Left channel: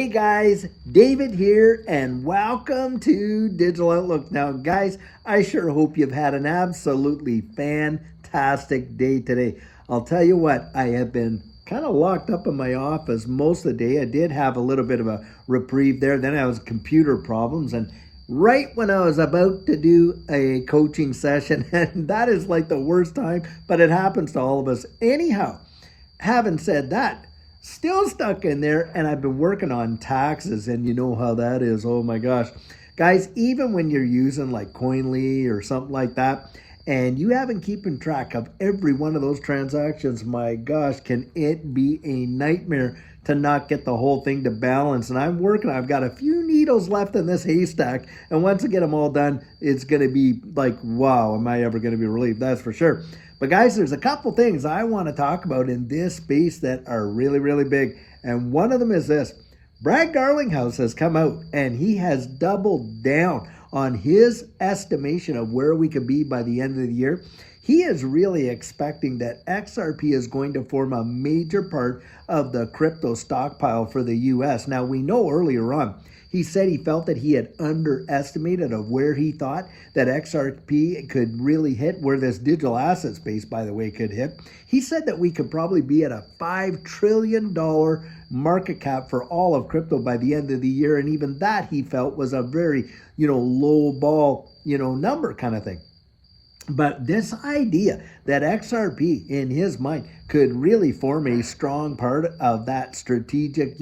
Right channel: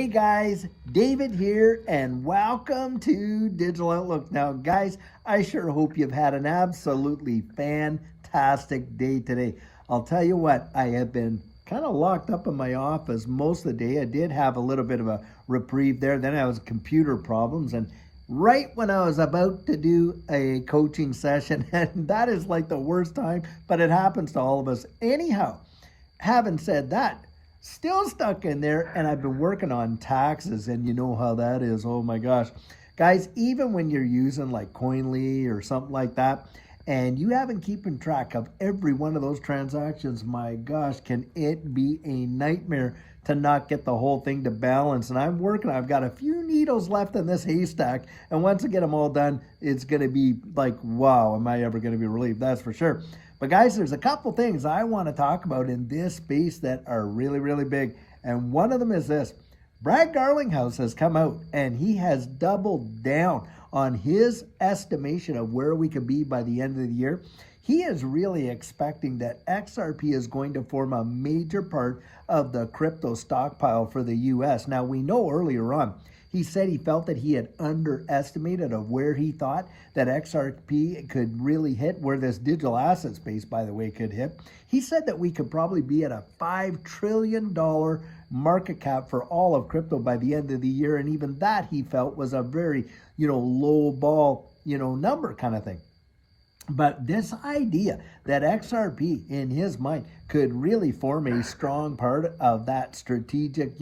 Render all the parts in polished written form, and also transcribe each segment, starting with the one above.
Hey guys, David here and welcome to Digital Outlook. Now guys, I sure hope you've had an absolutely fantastic day today. I'll tell you what, I have been kind of locked up in my office most of the day. I did have a little bit of a reprieve there. Then I was computer problems, and right when I was about to do a coaching session, and that is like the worst time, but it happens to all of us. Anyhow, having said that, still stuck in there, and I've been working on taxes, and you know how that is. Oh my gosh. Guys, even when you're using like Coinly or something like that, and you haven't keeping track of every one of those transactions, my gosh, can it be a nightmare to not get the whole thing to balance. And I'm working, I've got a few needles left in this haystack, and once I get them all done, it's going to be like, wow, am I ever going to be relieved? That's for sure. But guys, there's a couple things I want to talk about in this space that are really big. And one of them is this. Brad Garlinghouse has come out and he has doubled down on his estimation of where we could be by the end of the year. He is really expecting that XRP is going to form a major part of the crypto stockpile for the US. Now, we know earlier on, he said he felt that he had underestimated of where he thought that XRP could really hit, where this digital asset space, by the way, could hit. He said that we could probably be at a $5 trillion market cap for all of crypto by the end of the year. And even that he felt was a very, low ball, number kind of thing. But this idea that XRP, in his mind, could really form a strong part of that strategic,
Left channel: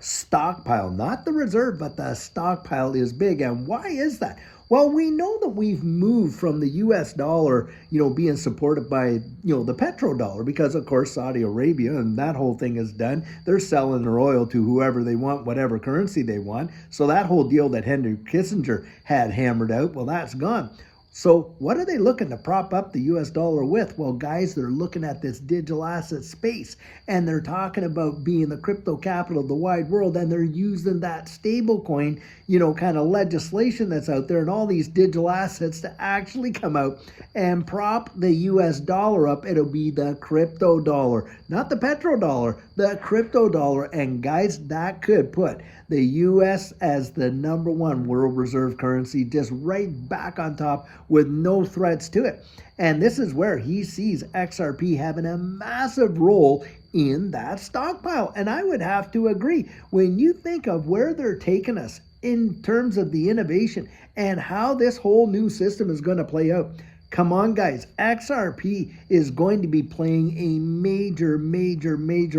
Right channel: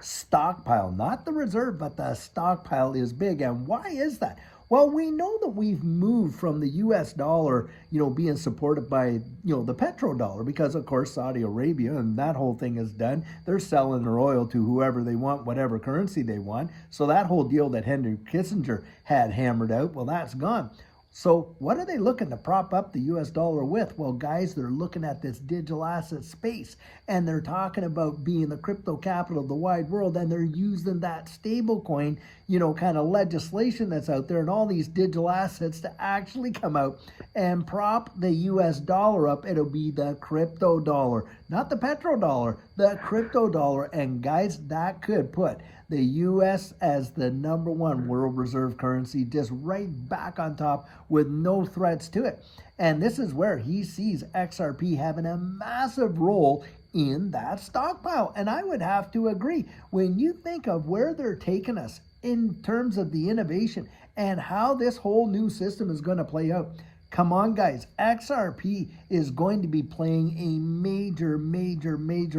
stockpile, not the reserve, but the stockpile is big. And why is that? Well, we know that we've moved from the US dollar, being supported by, the petrodollar, because of course Saudi Arabia and that whole thing is done. They're selling their oil to whoever they want, whatever currency they want. So that whole deal that Henry Kissinger had hammered out, well, that's gone. So what are they looking to prop up the US dollar with? Well, guys, they're looking at this digital asset space, and they're talking about being the crypto capital of the wide world, and they're using that stable coin, kind of legislation that's out there and all these digital assets to actually come out and prop the US dollar up. It'll be the crypto dollar, not the petrodollar, the crypto dollar. And guys, that could put the US as the #1 world reserve currency, just right back on top with no threats to it. And this is where he sees XRP having a massive role in that stockpile. And I would have to agree. When you think of where they're taking us in terms of the innovation and how this whole new system is going to play out, come on, guys. XRP is going to be playing a major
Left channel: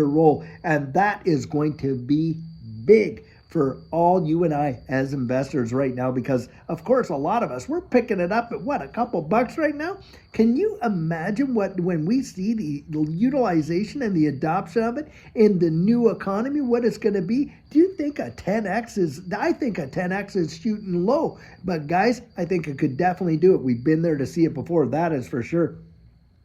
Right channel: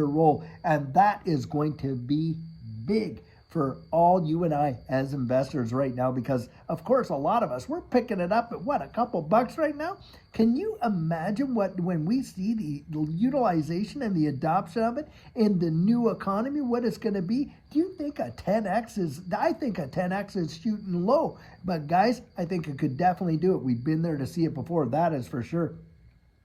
role, and that is going to be big for all you and I as investors right now, because of course a lot of us, we're picking it up at what, a couple bucks right now? Can you imagine when we see the utilization and the adoption of it in the new economy, what it's going to be? Do you think a 10x is, I think a 10x is shooting low, but guys, I think it could definitely do it. We've been there to see it before, that is for sure.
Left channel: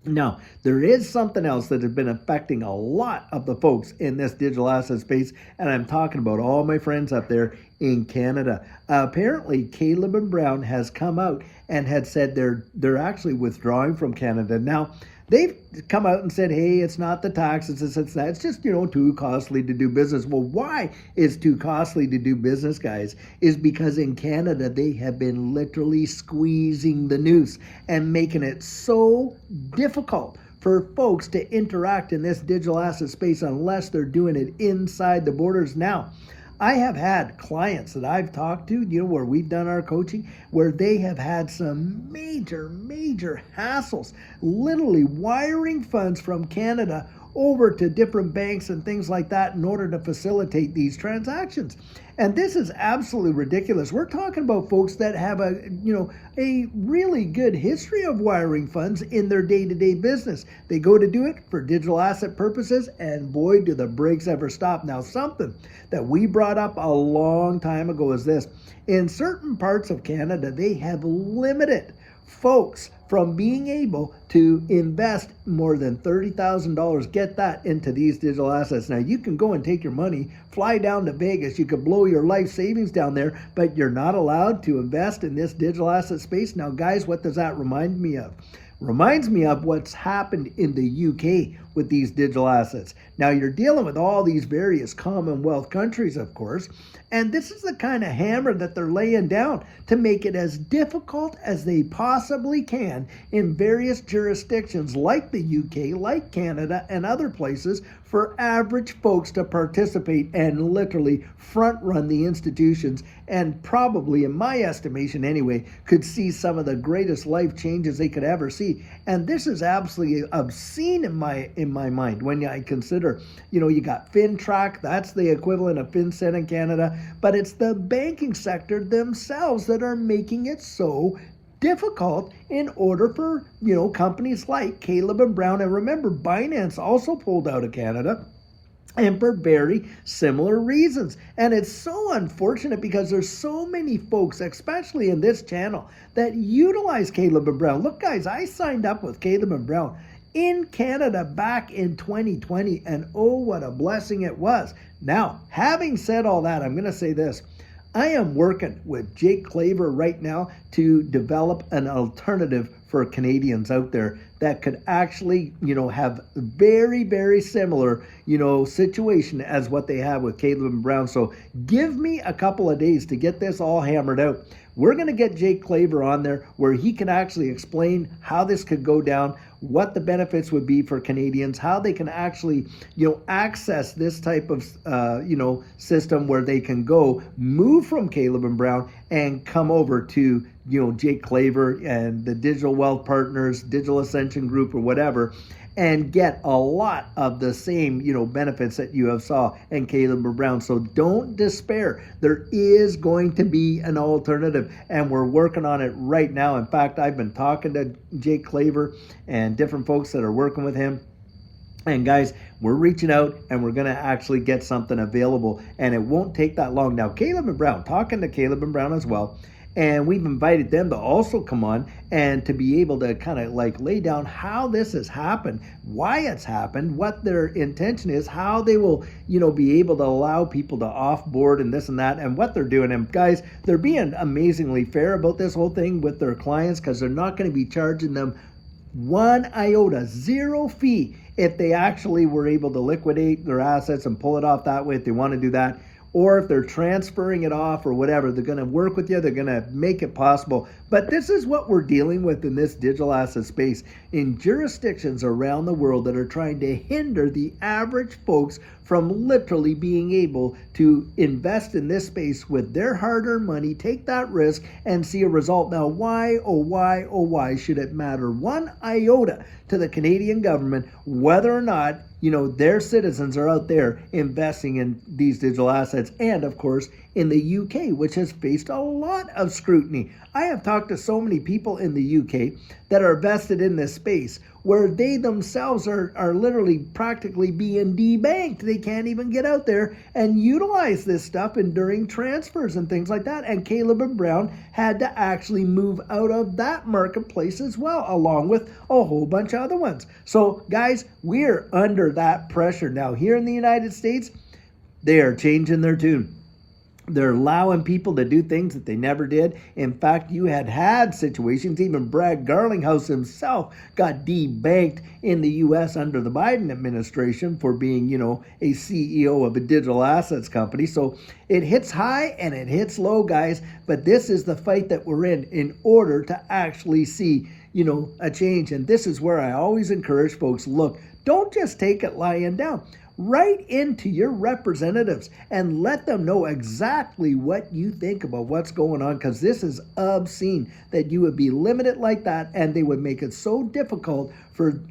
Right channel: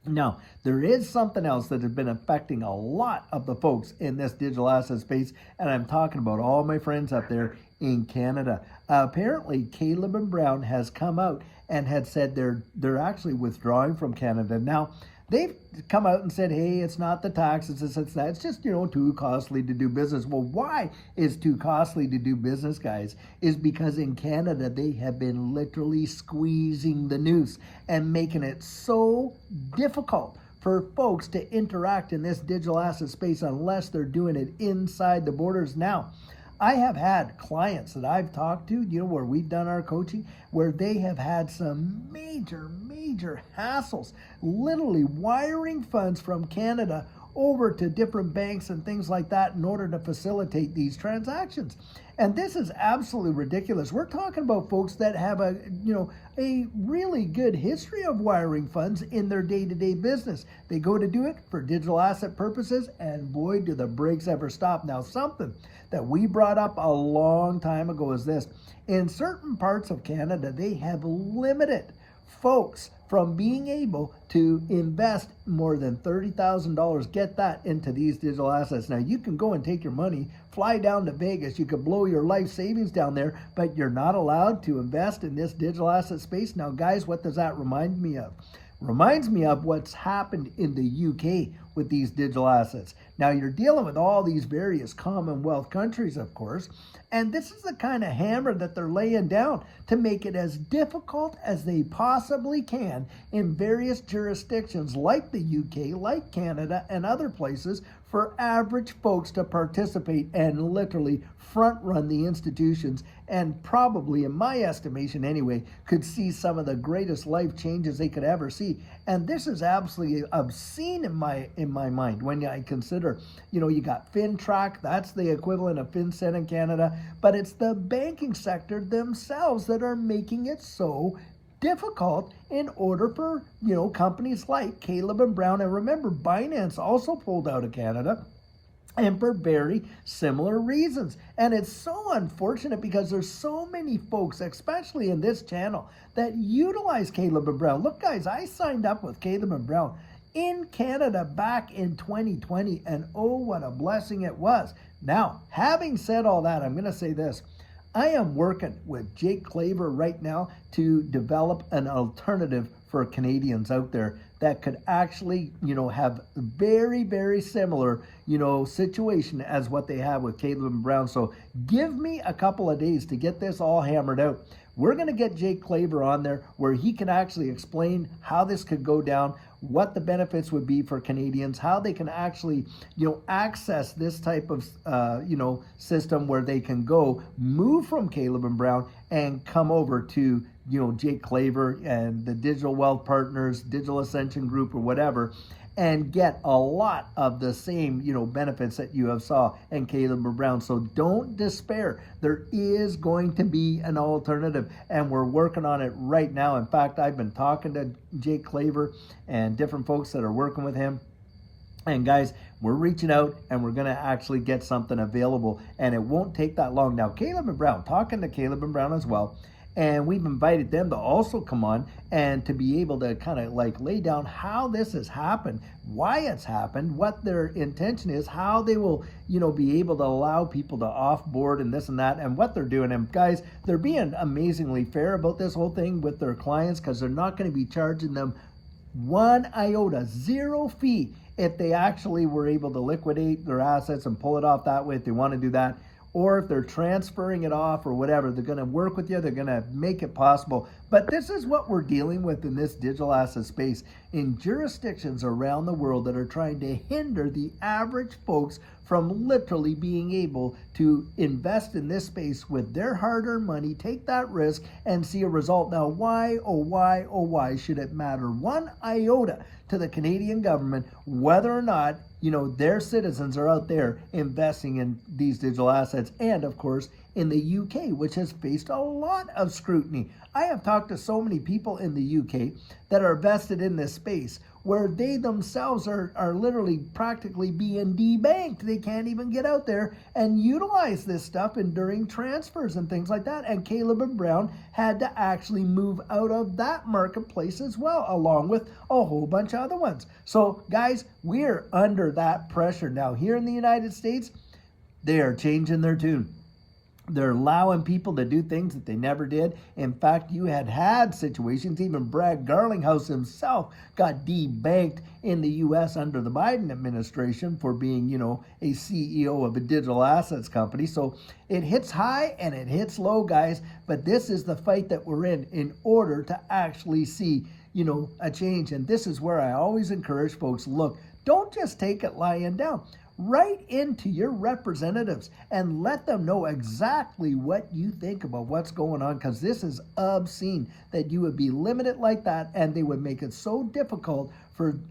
Now, there is something else that has been affecting a lot of the folks in this digital asset space, and I'm talking about all my friends up there in Canada. Apparently, Caleb and Brown has come out and had said they're actually withdrawing from Canada. Now, they've come out and said, hey, it's not the taxes, it's that. It's just, too costly to do business. Well, why is too costly to do business, guys? Is because in Canada, they have been literally squeezing the noose and making it so difficult for folks to interact in this digital asset space unless they're doing it inside the borders. Now, I have had clients that I've talked to, where we've done our coaching, where they have had some major hassles, literally wiring funds from Canada over to different banks and things like that in order to facilitate these transactions. And this is absolutely ridiculous. We're talking about folks that have a really good history of wiring funds in their day-to-day business. They go to do it for digital asset purposes, and boy, do the brakes ever stop. Now, something that we brought up a long time ago is this. In certain parts of Canada, they have limited folks from being able to invest more than $30,000, get that, into these digital assets. Now, you can go and take your money, fly down to Vegas, you could blow your life savings down there, but you're not allowed to invest in this digital asset space. Now, guys, what does that remind me of? Reminds me of what's happened in the UK with these digital assets. Now, you're dealing with all these various Commonwealth countries, of course, and this is the kind of hammer that they're laying down to make it as difficult as they possibly can in various jurisdictions like the UK, like Canada, and other places for average folks to participate and literally front run the institutions, and probably, in my estimation anyway, could see some of the greatest life changes they could ever see. And this is absolutely obscene in my mind when I consider, you got FinTrack, that's the equivalent of FinCEN in Canada, but it's the banking sector themselves that are making it so difficult in order for, companies like Caleb and Brown. And remember, Binance also pulled out of Canada, and for very similar reasons. And it's so unfortunate because there's so many folks, especially in this channel, that utilize Caleb and Brown. Look, guys, I signed up with Caleb and Brown in Canada back in 2020, and oh, what a blessing it was. Now, having said all that, I'm going to say this. I am working with Jake Claver right now to develop an alternative for Canadians out there that could actually, have very, very similar, situation as what they have with Caleb and Brown. So give me a couple of days to get this all hammered out. We're going to get Jake Claver on there where he can actually explain how this could go down, what the benefits would be for Canadians, how they can actually, access this type of, system where they can go move from Caleb and Brown and come over to, Jake Claver and the Digital Wealth Partners, Digital Ascension Group, or whatever, and get a lot of the same, benefits that you have saw in Caleb and Brown. So don't despair. There is going to be an alternative, and we're working on it right now. In fact, I've been talking to Jake Claver and different folks that are working with him. And guys, we're reaching out and we're going to actually get something available, and it won't take that long. Now, Caleb and Brown, talking to Caleb and Brown as well, and we've invited them to also come on and to be able to kind of like lay down how this has happened, why it's happened, what their intention is, how they will, be able to allow people to offboard and this and that, and what they're doing. And guys, they're being amazingly fair about this whole thing with their clients, because they're not going to be charging them one iota, zero fee, if they actually were able to liquidate their assets and pull it off that way if they want to do that. Or if they're transferring it off or whatever, they're going to work with you. They're going to make it possible. But this is what we're dealing with in this digital asset space in jurisdictions around the world that are trying to hinder the average folks from literally being able to invest in this space with their hard-earned money, take that risk, and see a result. Now, why should it matter one iota to the Canadian government whether or not, their citizens are out there investing in these digital assets? And of course, in the UK, which has faced a lot of scrutiny. I have talked to so many people in the UK that are vested in this space where they themselves are literally practically being debanked. They can't even get out there and utilize this stuff and during transfers and things like that. And Caleb and Brown had to actually move out of that marketplace as well, along with a whole bunch of other ones. So guys, we're under that pressure now. Here in the United States, they are changing their tune. They're allowing people to do things that they never did. In fact, you had situations, even Brad Garlinghouse himself got debanked in the U.S. under the Biden administration for being, a CEO of a digital assets company. So it hits high and it hits low, guys. But this is the fight that we're in order to actually see, a change. And this is where I always encourage folks, look, don't just take it lying down. Write into your representatives and let them know exactly what you think about what's going on, because this is obscene that you would be limited like that, and they would make it so difficult for,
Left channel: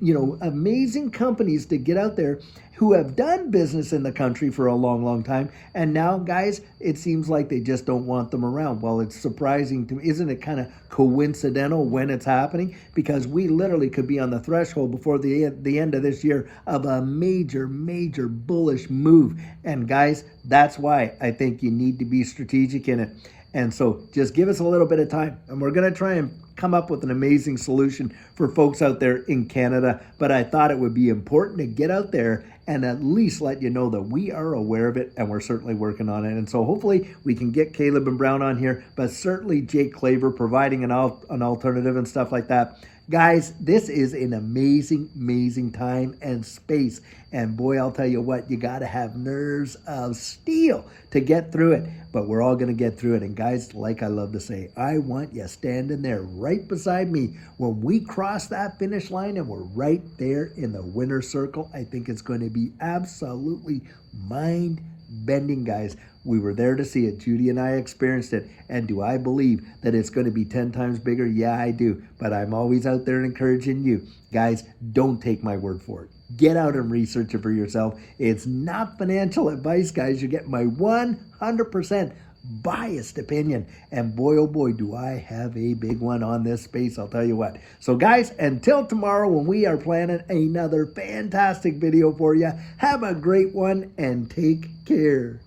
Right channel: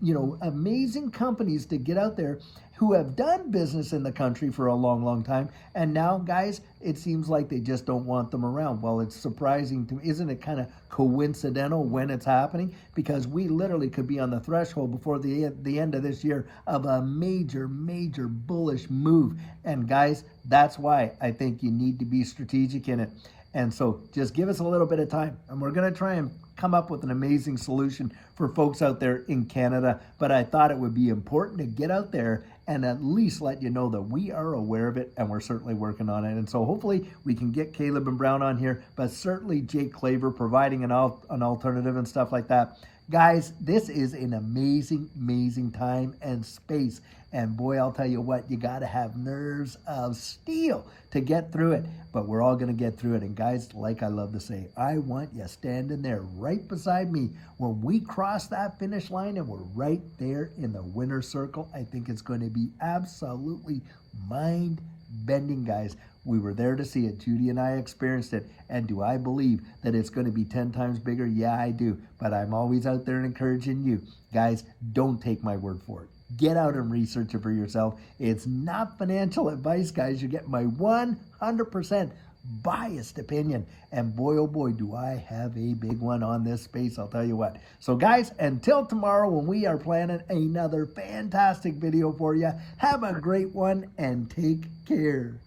amazing companies to get out there who have done business in the country for a long, long time. And now, guys, it seems like they just don't want them around. Well, it's surprising to me. Isn't it kind of coincidental when it's happening? Because we literally could be on the threshold before the end of this year of a major, major bullish move. And guys, that's why I think you need to be strategic in it. And so just give us a little bit of time, and we're going to try and come up with an amazing solution for folks out there in Canada. But I thought it would be important to get out there and at least let you know that we are aware of it, and we're certainly working on it. And so hopefully we can get Caleb and Brown on here, but certainly Jake Claver providing an alternative and stuff like that. Guys, this is an amazing time and space. And boy, I'll tell you what, you got to have nerves of steel to get through it. But we're all going to get through it. And guys, like I love to say, I want you standing there right beside me when we cross that finish line and we're right there in the winner's circle. I think it's going to be absolutely mind-bending, guys. We were there to see it. Judy and I experienced it. And do I believe that it's going to be 10 times bigger? Yeah, I do. But I'm always out there encouraging you. Guys, don't take my word for it. Get out and research it for yourself. It's not financial advice, guys. You get my 100% biased opinion. And boy, oh boy, do I have a big one on this space, I'll tell you what. So guys, until tomorrow when we are planning another fantastic video for you, have a great one and take care.